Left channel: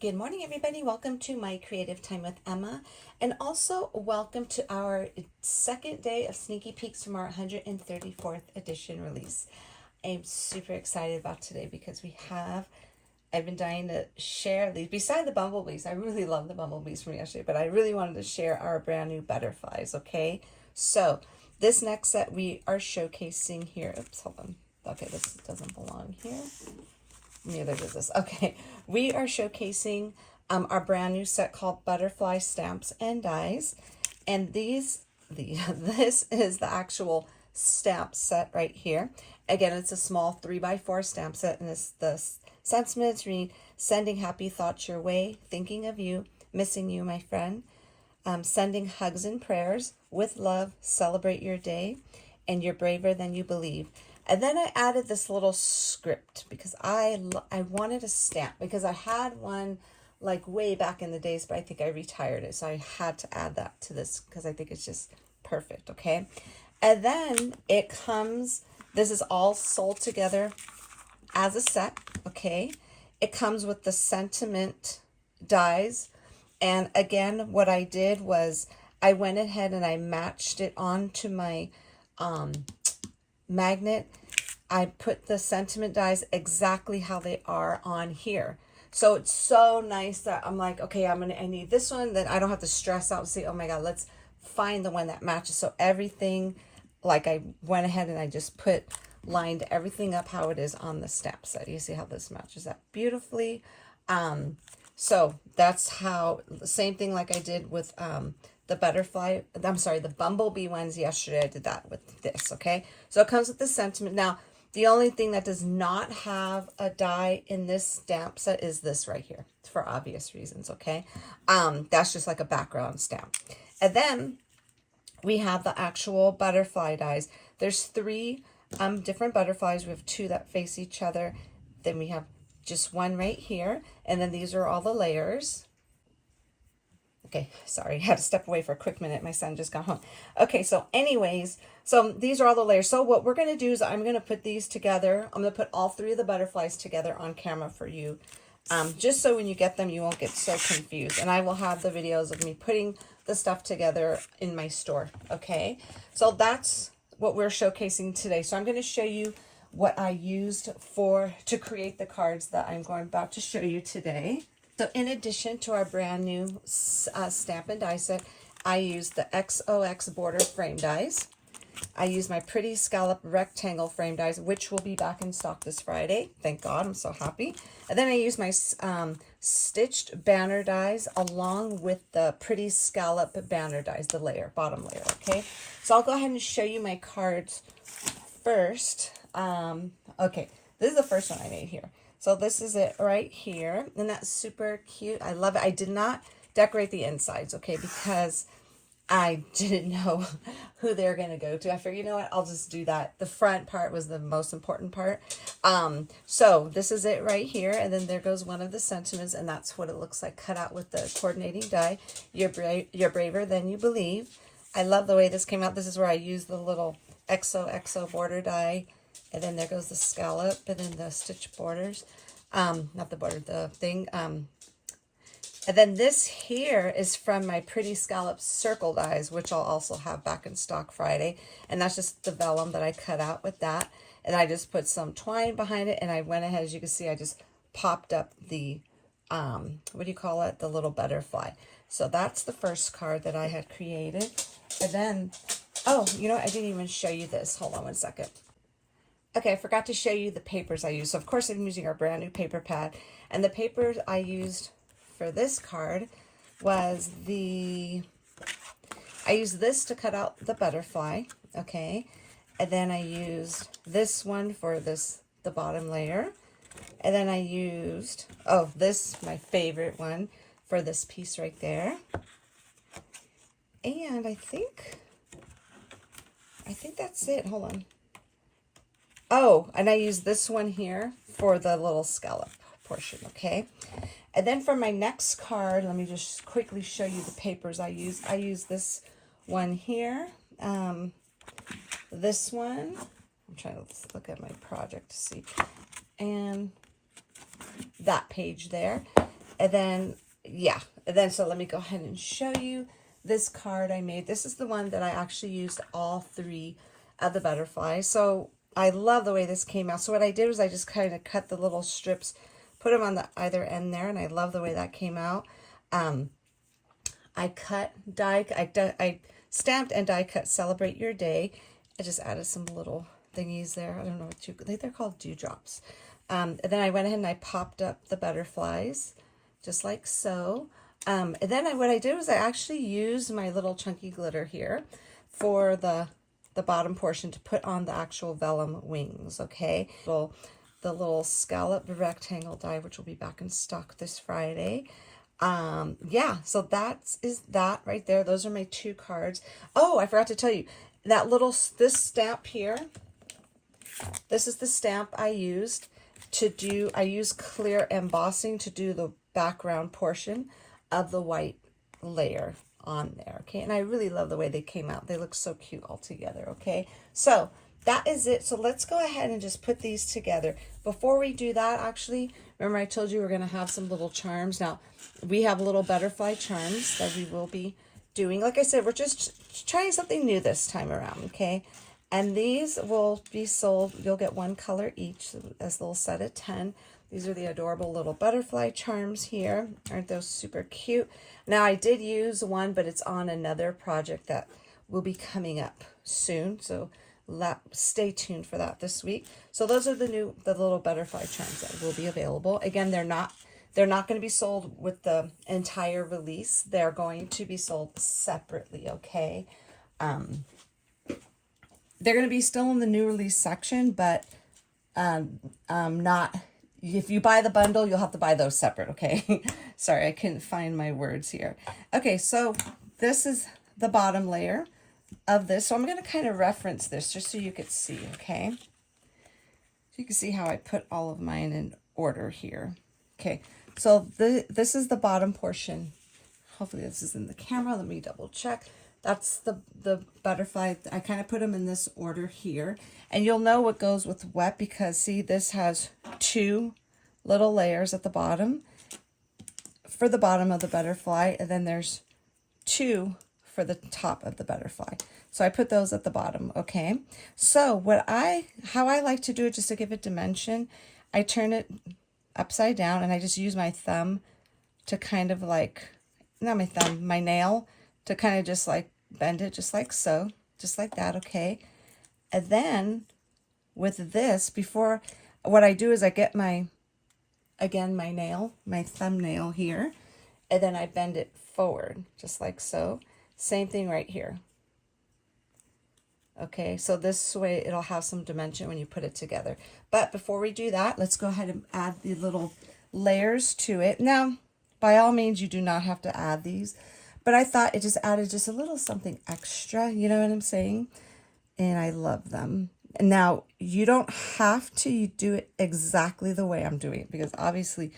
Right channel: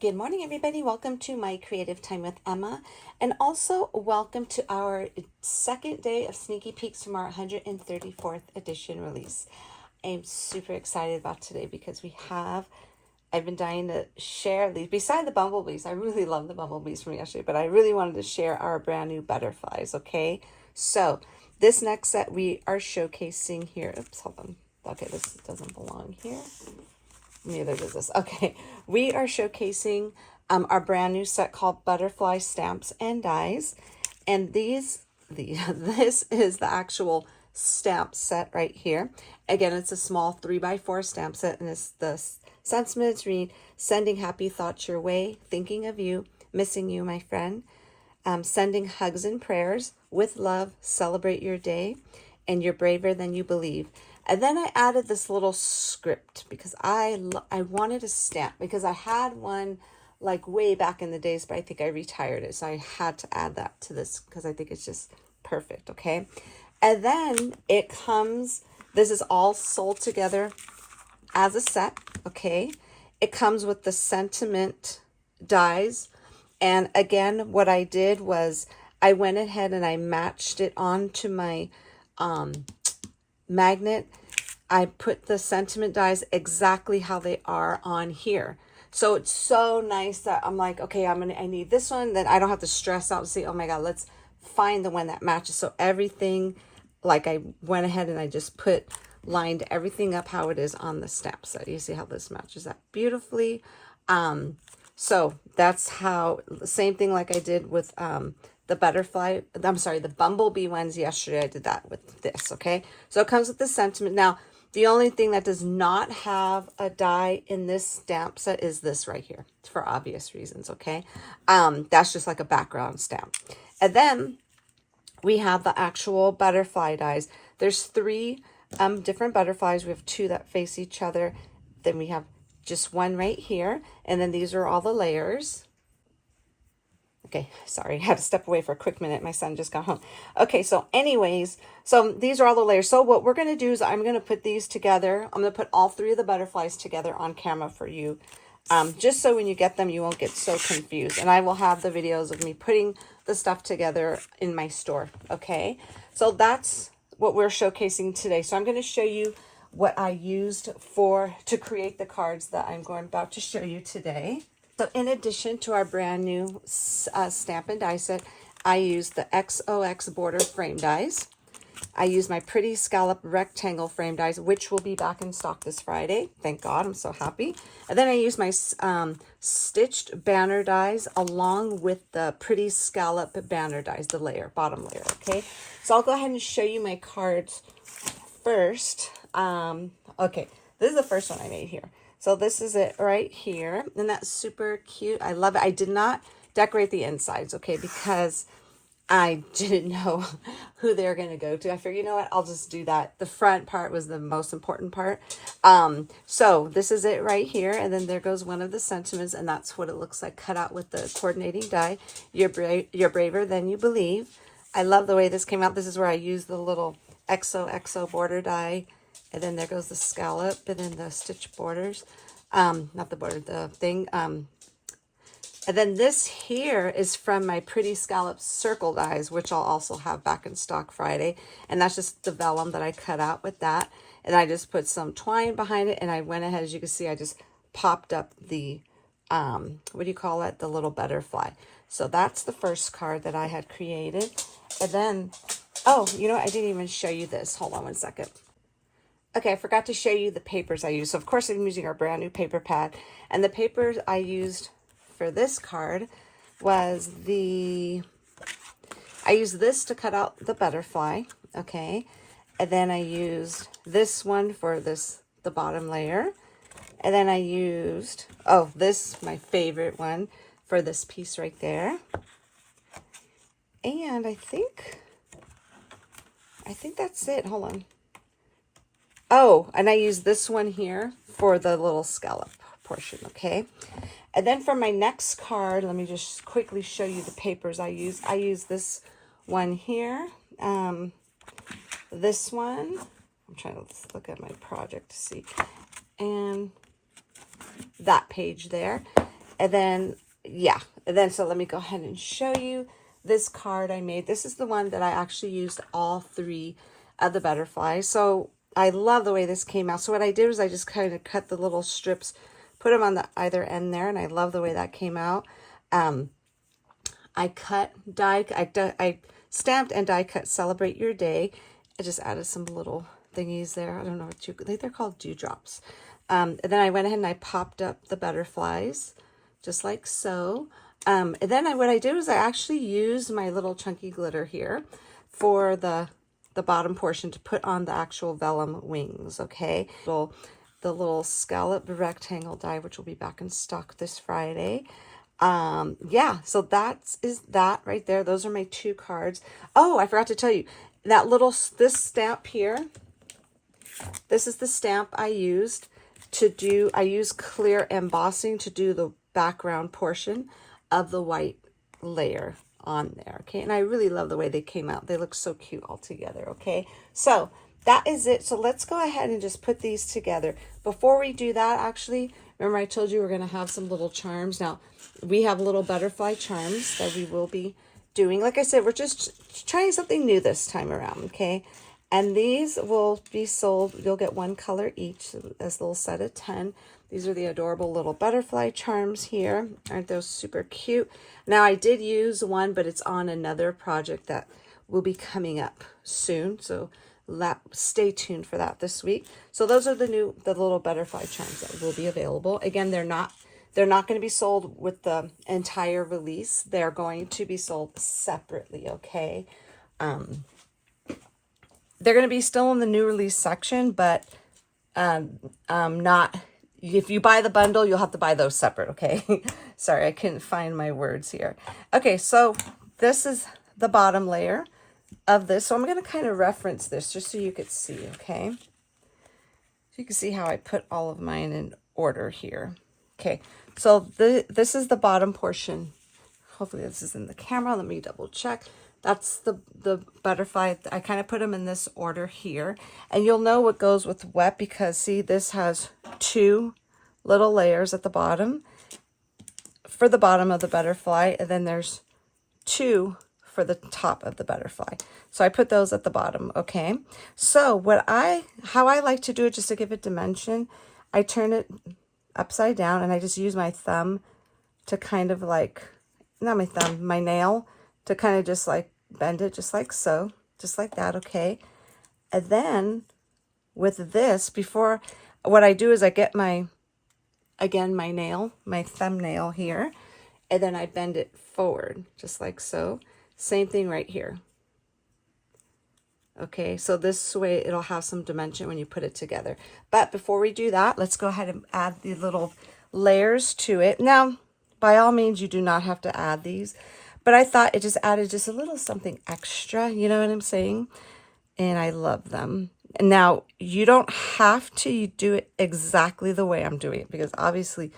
Good morning, everybody. Welcome to my Creative Time with Emma, and also welcome to our second day of sneaky peeks from our 134th edition release. I'm super excited about today because I've been dying to share these. Beside the bumblebees, I really love the bumblebees from yesterday, but I really wanted to share our brand new butterflies, okay? So this next set we are showcasing here. Oops, hold on. Okay, this doesn't belong here. Neither does this. Okay, we are showcasing our brand new set called Butterfly Stamps and Dies, and this is the actual stamp set right here. Again, it's a small 3x4 stamp set, and the sentiments read: "Sending happy thoughts your way, thinking of you, missing you, my friend. Sending hugs and prayers with love. Celebrate your day, and you're braver than you believe." And then I added this little script because I wanted a stamp because I had one like way back in the days, but I think I retired it. So I had to add that to this because I think it's just perfect, okay? And then it comes, this is all sold together as a set, okay? It comes with the sentiment dies. And again, what I did was I went ahead and I matched it onto my magnet. I put the sentiment dies exactly how they are on here. So it's so nice that I'm like, okay, I need this one. Then I don't have to stress out and say, oh my God, let's find the one that matches. So everything, like I went ahead and I just lined everything up how it is on the stamp set. You see how this matches that beautifully. So that's how, same thing like I did with the bumblebee ones yesterday. I did that with this, okay? So it comes with the sentiment. Now, the only thing that does not have a die in this stamp set is this right here, for obvious reasons, okay? That's just like a background stamp. And then we have the actual butterfly dies. There's three different butterflies. We have two that face each other. Then we have just one right here. And then these are all the layers. Okay, sorry, I had to step away for a quick minute. My son just got home. Okay, so anyways, so these are all the layers. So what we're going to do is I'm going to put these together. I'm going to put all three of the butterflies together on camera for you, just so when you get them, you won't get so confused. And I will have the videos of me putting the stuff together in my store, okay? So that's what we're showcasing today. So I'm going to show you what I used to create the cards that I'm about to show you today. So in addition to our brand new stamp and die set, I used the XOX border frame dies. I used my pretty scallop rectangle frame dies, which will be back in stock this Friday. Thank God, I'm so happy. And then I used my stitched banner dies along with the pretty scallop banner dies, the bottom layer, okay? So I'll go ahead and show you my cards first. Okay, this is the first one I made here. So this is it right here. And that's super cute. I love it. I did not decorate the insides, okay, because I didn't know who they're going to go to. I figured, you know what, I'll just do that. The front part was the most important part. So this is it right here. And then there goes one of the sentiments, and that's what it looks like cut out with the coordinating die. You're braver than you believe. I love the way this came out. This is where I used the little XOXO border die. And then there goes the scallop and then the stitch borders. Not the border, the thing. And then this here is from my pretty scallop circle dies, which I'll also have back in stock Friday. And that's just the vellum that I cut out with that. And I just put some twine behind it. And I went ahead, as you can see, I just popped up the, what do you call it? The little butterfly. So that's the first card that I had created. And then, oh, you know what? I didn't even show you this. Hold on one second. Okay, I forgot to show you the papers I used. So, of course, I'm using our brand new paper pad. And the paper I used for this card was I used this to cut out the butterfly, okay? And then I used this one for the bottom layer. And then I used, this, my favorite one, for this piece right there. And I think that's it. Hold on. Oh, and I use this one here for the little scallop portion, okay? And then for my next card, let me just quickly show you the papers I use. I use this one here, this one. I'm trying to look at my project to see. And that page there. And then, yeah. And then, so let me go ahead and show you this card I made. This is the one that I actually used all 3 of the butterflies. So I love the way this came out. So what I did was I just kind of cut the little strips, put them on the either end there, and I love the way that came out. I stamped and die cut Celebrate Your Day. I just added some little thingies there. I don't know what they're called dewdrops. And then I went ahead and I popped up the butterflies, just like so. And then what I did was I actually used my little chunky glitter here for the bottom portion to put on the actual vellum wings, okay? So the little scallop rectangle die, which will be back in stock this Friday. Yeah, so is that right there. Those are my 2 cards. Oh, I forgot to tell you, this stamp here, this is the stamp I used I use clear embossing to do the background portion of the white layer on there, okay? And I really love the way they came out. They look so cute all together, okay? So that is it. So let's go ahead and just put these together. Before we do that, actually, remember I told you we're going to have some little charms. Now, we have little butterfly charms that we will be doing. Like I said, we're just trying something new this time around, okay? And these will be sold. You'll get 1 color each, as a little set of 10. These are the adorable little butterfly charms here. Aren't those super cute? Now, I did use one, but it's on another project that will be coming up soon. So stay tuned for that this week. So those are the little butterfly charms that will be available. Again, they're not going to be sold with the entire release. They're going to be sold separately, okay? They're going to be still in the new release section, but not, if you buy the bundle, you'll have to buy those separate, okay? Sorry, I couldn't find my words here. Okay, so this is the bottom layer of this. So I'm going to kind of reference this just so you could see, okay? So you can see how I put all of mine in order here. Okay, so this is the bottom portion. Hopefully this is in the camera. Let me double check. That's the butterfly. I kind of put them in this order here. And you'll know what goes with wet because, see, this has 2 little layers at the bottom for the bottom of the butterfly. And then there's 2 for the top of the butterfly. So I put those at the bottom, okay? So how I like to do it, just to give it dimension, I turn it upside down and I just use my thumb to kind of like, not my thumb, my nail, to kind of just like bend it just like so, just like that, okay? And then with this, what I do is I get my nail, my thumbnail here, and then I bend it forward, just like so. Same thing right here. Okay, so this way it'll have some dimension when you put it together. But before we do that, let's go ahead and add the little layers to it. Now, by all means, you do not have to add these, but I thought it just added just a little something extra, you know what I'm saying? And I love them. Now, you don't have to do it exactly the way I'm doing it, because obviously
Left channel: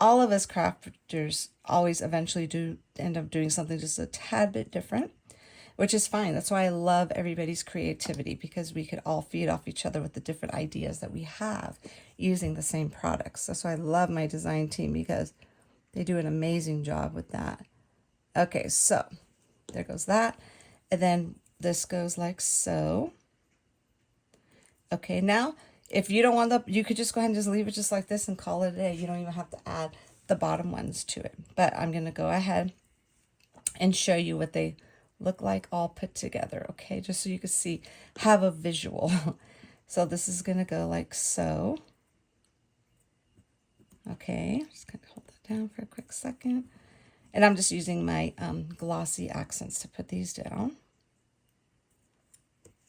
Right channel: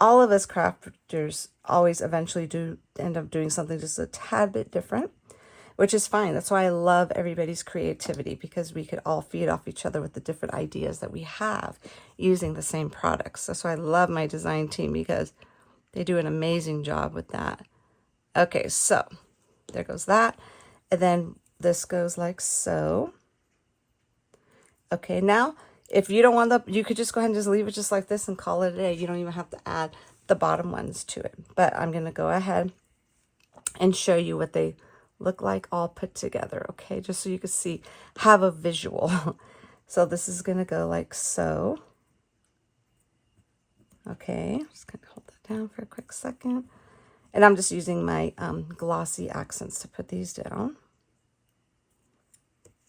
all of us crafters always eventually do end up doing something just a tad bit different, which is fine. That's why I love everybody's creativity, because we could all feed off each other with the different ideas that we have using the same products. That's why I love my design team, because they do an amazing job with that. Okay, so there goes that. And then this goes like so. Okay, now if you don't want you could just go ahead and just leave it just like this and call it a day. You don't even have to add the bottom ones to it. But I'm going to go ahead and show you what they look like all put together, okay? Just so you can see, have a visual. So this is going to go like so. Okay, just going to hold that down for a quick second. And I'm just using my glossy accents to put these down.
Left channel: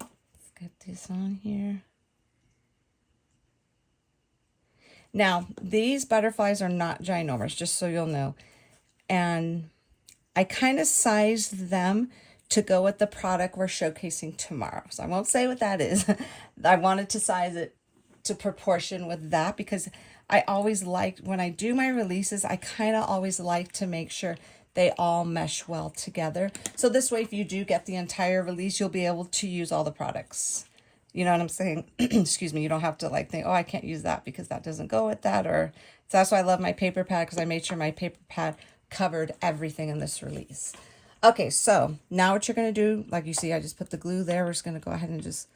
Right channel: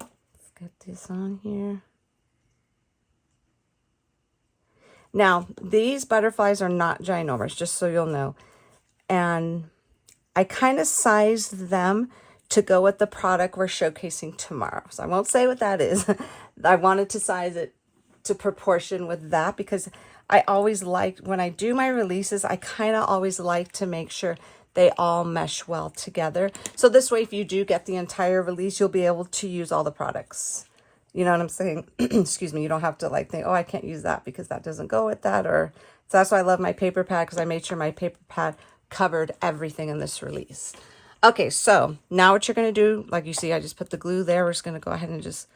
Let's get this on here. Now, these butterflies are not ginormous, just so you'll know. And I kind of sized them to go with the product we're showcasing tomorrow. So I won't say what that is. I wanted to size it to proportion with that, because I always like, when I do my releases, I kind of always like to make sure they all mesh well together. So this way, if you do get the entire release, you'll be able to use all the products. You know what I'm saying? Excuse me. You don't have to like think, oh, I can't use that because that doesn't go with that, or So that's why I love my paper pad, because I made sure my paper pad covered everything in this release. Okay, so now what you're going to do, like you see, I just put the glue there. We're just going to go ahead and just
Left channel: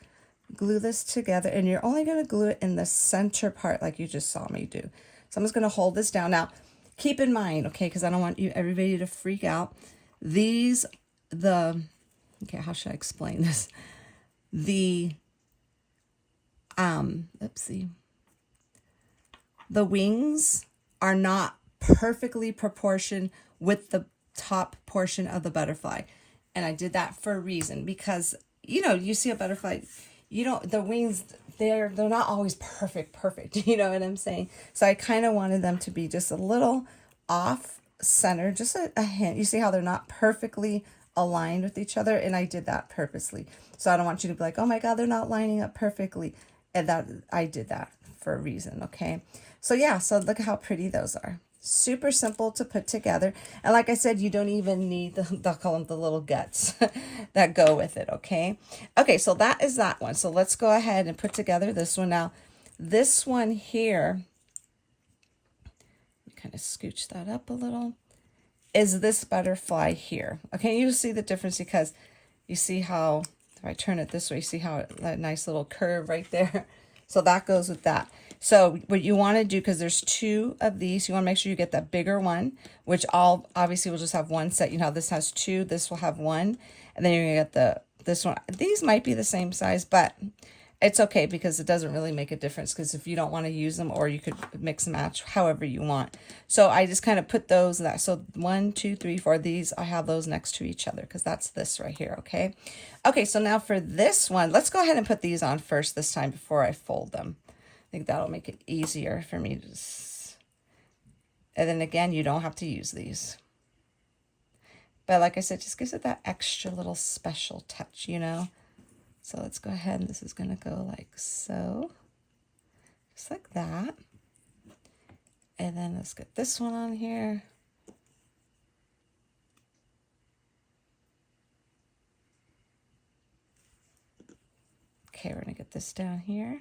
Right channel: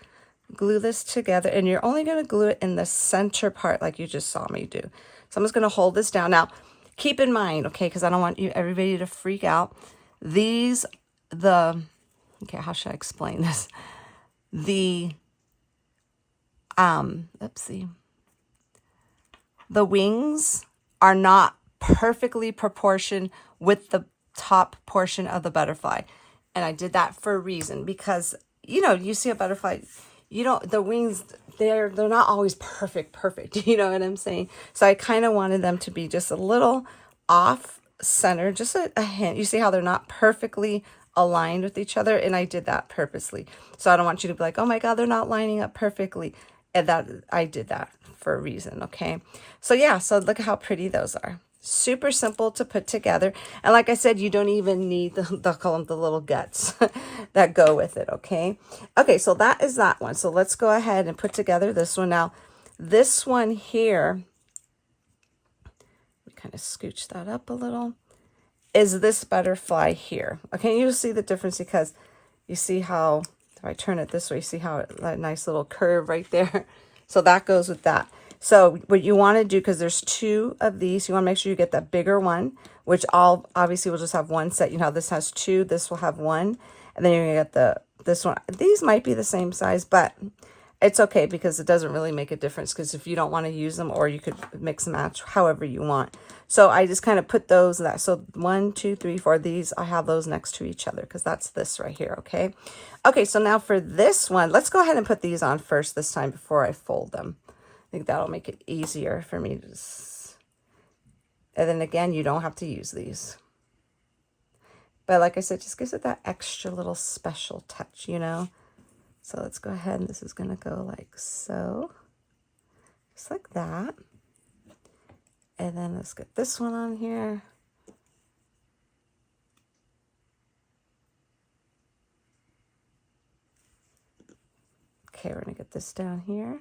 glue this together, and you're only going to glue it in the center part like you just saw me do. So I'm just going to hold this down. Now, keep in mind, okay, because I don't want everybody to freak out. Okay, how should I explain this? Let's see. The wings are not perfectly proportioned with the top portion of the butterfly. And I did that for a reason, because, you know, you see a butterfly, the wings, they're not always perfect. You know what I'm saying? So I kind of wanted them to be just a little off center, just a hint. You see how they're not perfectly aligned with each other, and I did that purposely. So I don't want you to be like, oh my God, they're not lining up perfectly. And that I did that for a reason, okay? So yeah, so look at how pretty those are. Super simple to put together. And like I said, you don't even need they'll call them the little guts that go with it, okay? Okay, so that is that one. So let's go ahead and put together this one. Now, this one here, kind of scooch that up a little, is this butterfly here. Okay, you'll see the difference, because you see how, if I turn it this way, you see how that nice little curve right there. So that goes with that. So what you want to do, because there's two of these, you want to make sure you get that bigger one, which obviously will just have one set. You know, this has two, this will have one, and then you're going to get this one. These might be the same size, but it's okay, because it doesn't really make a difference, because if you don't want to use them, or you could mix and match however you want. So I just kind of put those, so 1, 2, 3, 4, these, I have those next to each other, because that's this right here, okay? Okay, so now for this one, let's go ahead and put these on first this time before I fold them. I think that'll make it easier for me to and then again, you don't have to use these. But like I said, just gives it that extra little special touch, you know? So let's go ahead, and this is going to go like so. Just like that. And then let's get this one on here. Okay, we're going to get this down here.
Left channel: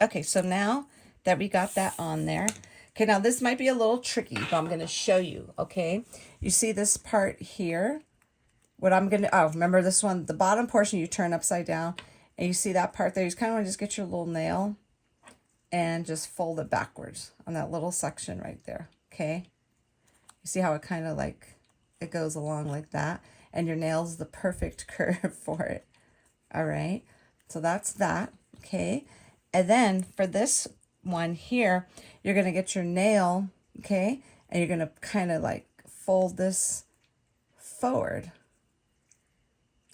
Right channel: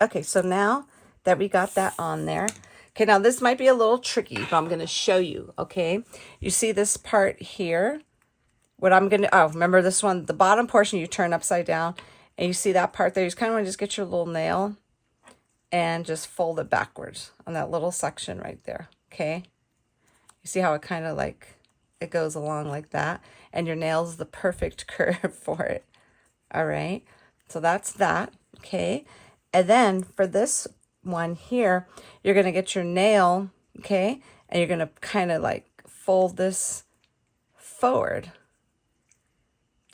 Okay, so now that we got that on there, okay, now this might be a little tricky, but I'm going to show you, okay? You see this part here? What I'm going to, remember this one, the bottom portion you turn upside down, and you see that part there? You just kind of want to just get your little nail and just fold it backwards on that little section right there, okay? You see how it kind of like, it goes along like that, and your nail's the perfect curve for it, all right? So that's that, okay? And then for this one here, you're going to get your nail, okay? And you're going to kind of like fold this forward,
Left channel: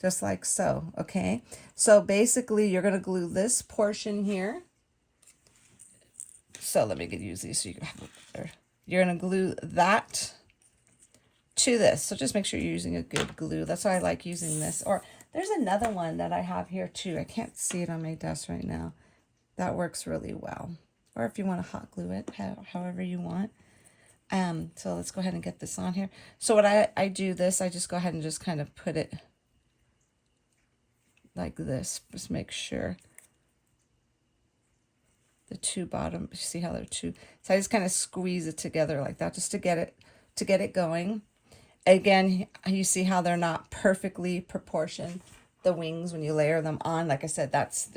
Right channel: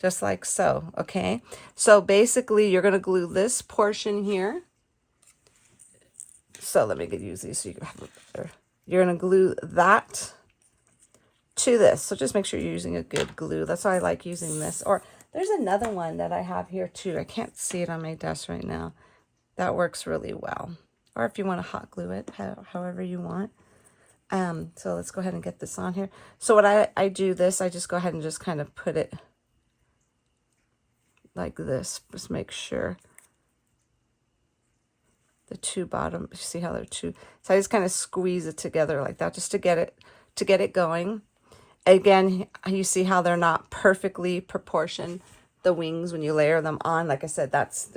just like so, okay? So basically, you're going to glue this portion here. So let me use these so you can have it better. You're going to glue that to this. So just make sure you're using a good glue. That's why I like using this. Or there's another one that I have here too. I can't see it on my desk right now. That works really well. Or if you want to hot glue it, however you want. So let's go ahead and get this on here. So what I do this, I just go ahead and just kind of put it like this. Just make sure the two bottom, see how they're two. So I just kind of squeeze it together like that, just to get it going. Again, you see how they're not perfectly proportioned, the wings, when you layer them on. Like I said, that's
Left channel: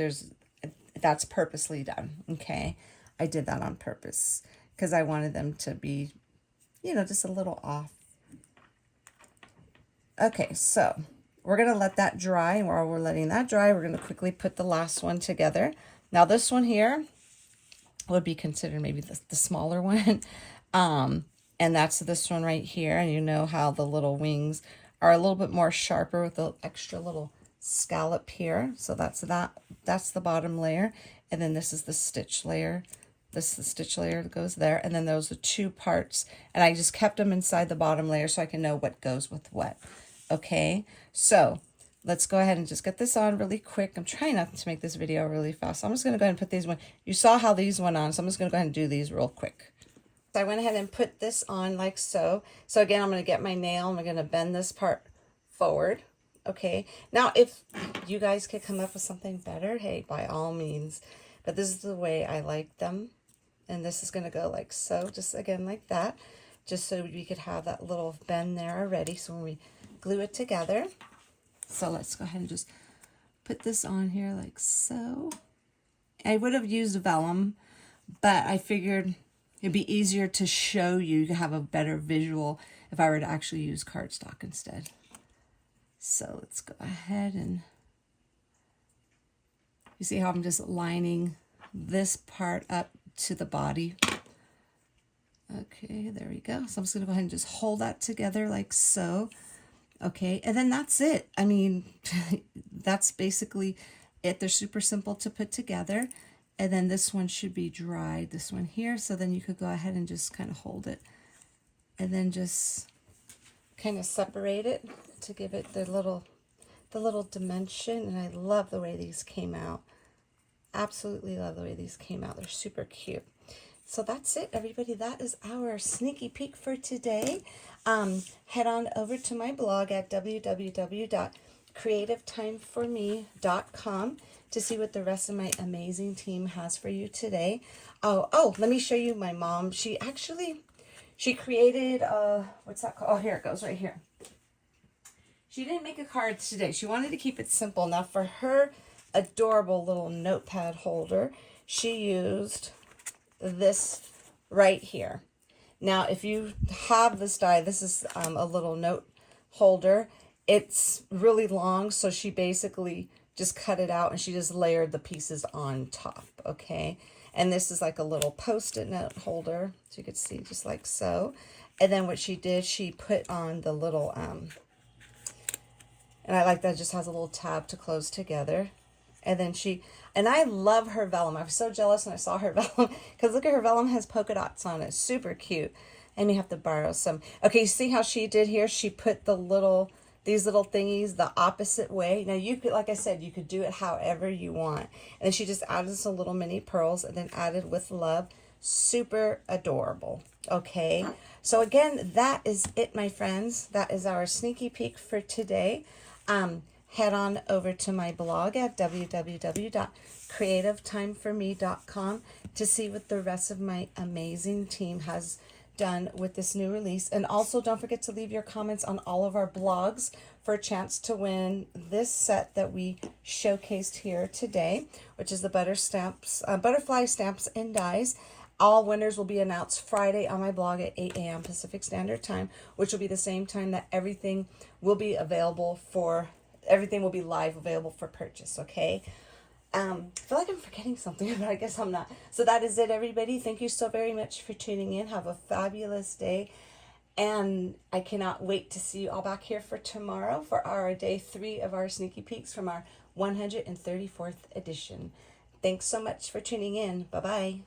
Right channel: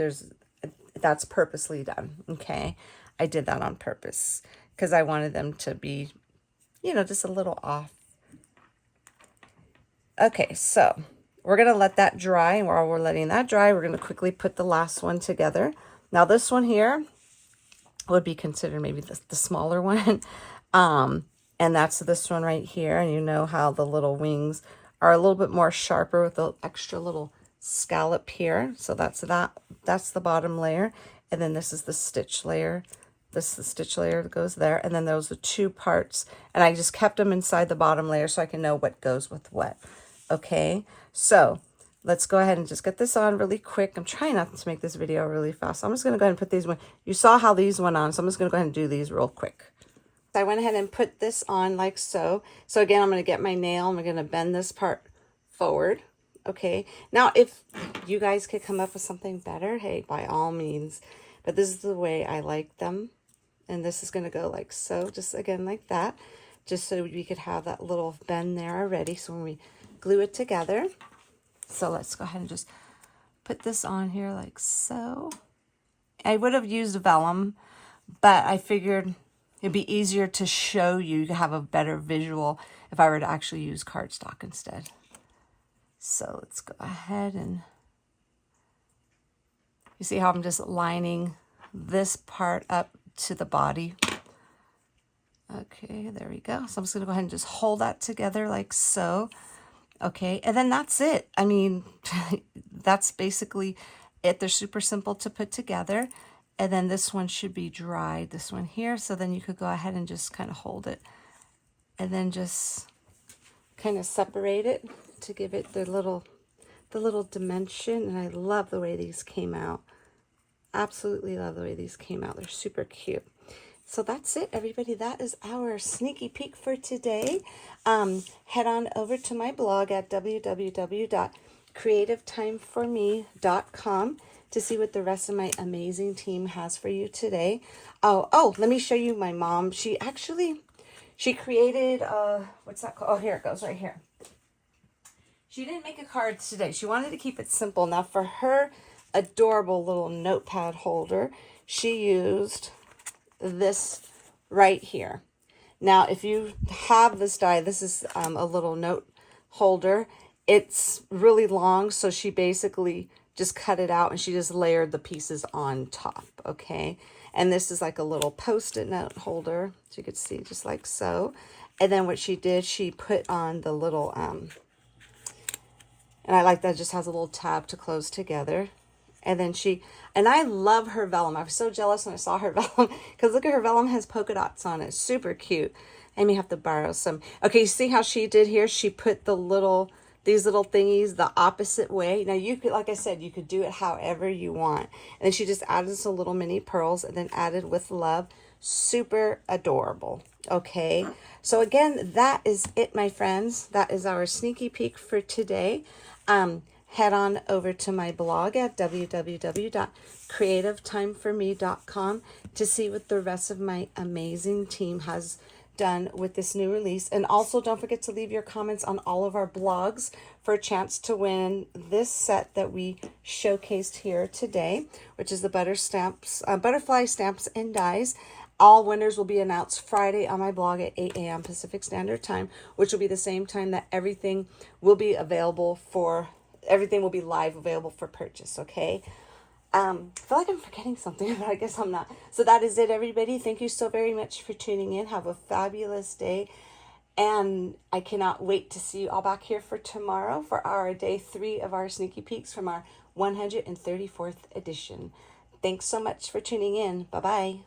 purposely done, okay? I did that on purpose because I wanted them to be, you know, just a little off. Okay, so we're going to let that dry, and while we're letting that dry, we're going to quickly put the last one together. Now, this one here would be considered maybe the smaller one, and that's this one right here, and you know how the little wings are a little bit more sharper with the extra little scallop here. So that's the bottom layer, and then this is the stitch layer. This is the stitch layer that goes there, and then those are two parts, and I just kept them inside the bottom layer so I can know what goes with what. Okay, so let's go ahead and just get this on really quick. I'm trying not to make this video really fast, so I'm just going to go ahead and put these one. You saw how these went on, so I'm just going to go ahead and do these real quick. So I went ahead and put this on like so. So again, I'm going to get my nail, and we're going to bend this part forward. Okay. Now, if you guys could come up with something better, hey, by all means. But this is the way I like them. And this is going to go like so, just again like that. Just so we could have that little bend there already. So when we glue it together. So let's go ahead and just put this on here like so. I would have used vellum, but I figured it'd be easier to show you to have a better visual if I were to actually use cardstock instead. So let's go ahead and you see how I'm just lining this part up to the body. Okay, there we go. So I'm just going to go ahead and just hold that together like so. Okay, and then that's it. I mean, that's basically it. They're super simple to put together. And then this one should be dried, this one here. So then you could go ahead and just kind of hold it. And then just kind of separate it to give it the little dimension. And I love the way these came out. Absolutely love the way these came out. They're super cute. So that's it, everybody. That is our sneaky peek for today. Head on over to my blog at www.creativetimeforme.com to see what the rest of my amazing team has for you today. Oh, let me show you my mom. She created, what's that called? Oh, here it goes right here. She didn't make a card today. She wanted to keep it simple. Now for her adorable little notepad holder, she used this right here. Now, if you have this die, this is a little note holder. It's really long, so she basically just cut it out and she just layered the pieces on top, okay? And this is like a little post-it note holder, so you could see just like so. And then what she did, she put on the little, and I like that it just has a little tab to close together. And then and I love her vellum. I was so jealous when I saw her vellum because look at her vellum has polka dots on it. Super cute. I may have to borrow some. Okay, you see how she did here? She put these little thingies the opposite way. Now you could, like I said, you could do it however you want. And then she just added some little mini pearls and then added with love. Super adorable. Okay, so again, that is it, my friends. That is our sneaky peek for today. Head on over to my blog at www.creativetimeforme.com to see what the rest of my amazing team has done with this new release. And also don't forget to leave your comments on all of our blogs for a chance to win this set that we showcased here today, which is the butterfly stamps and dies. All winners will be announced Friday on my blog at 8 a.m. Pacific Standard Time, which will be the same time that everything will be live available for purchase, okay? I feel like I'm forgetting something, but I guess I'm not. So that is it, everybody. Thank you so very much for tuning in. Have a fabulous day. And I cannot wait to see you all back here for tomorrow for our day 3 of our sneaky peeks from our 134th edition. Thanks so much for tuning in. Bye-bye.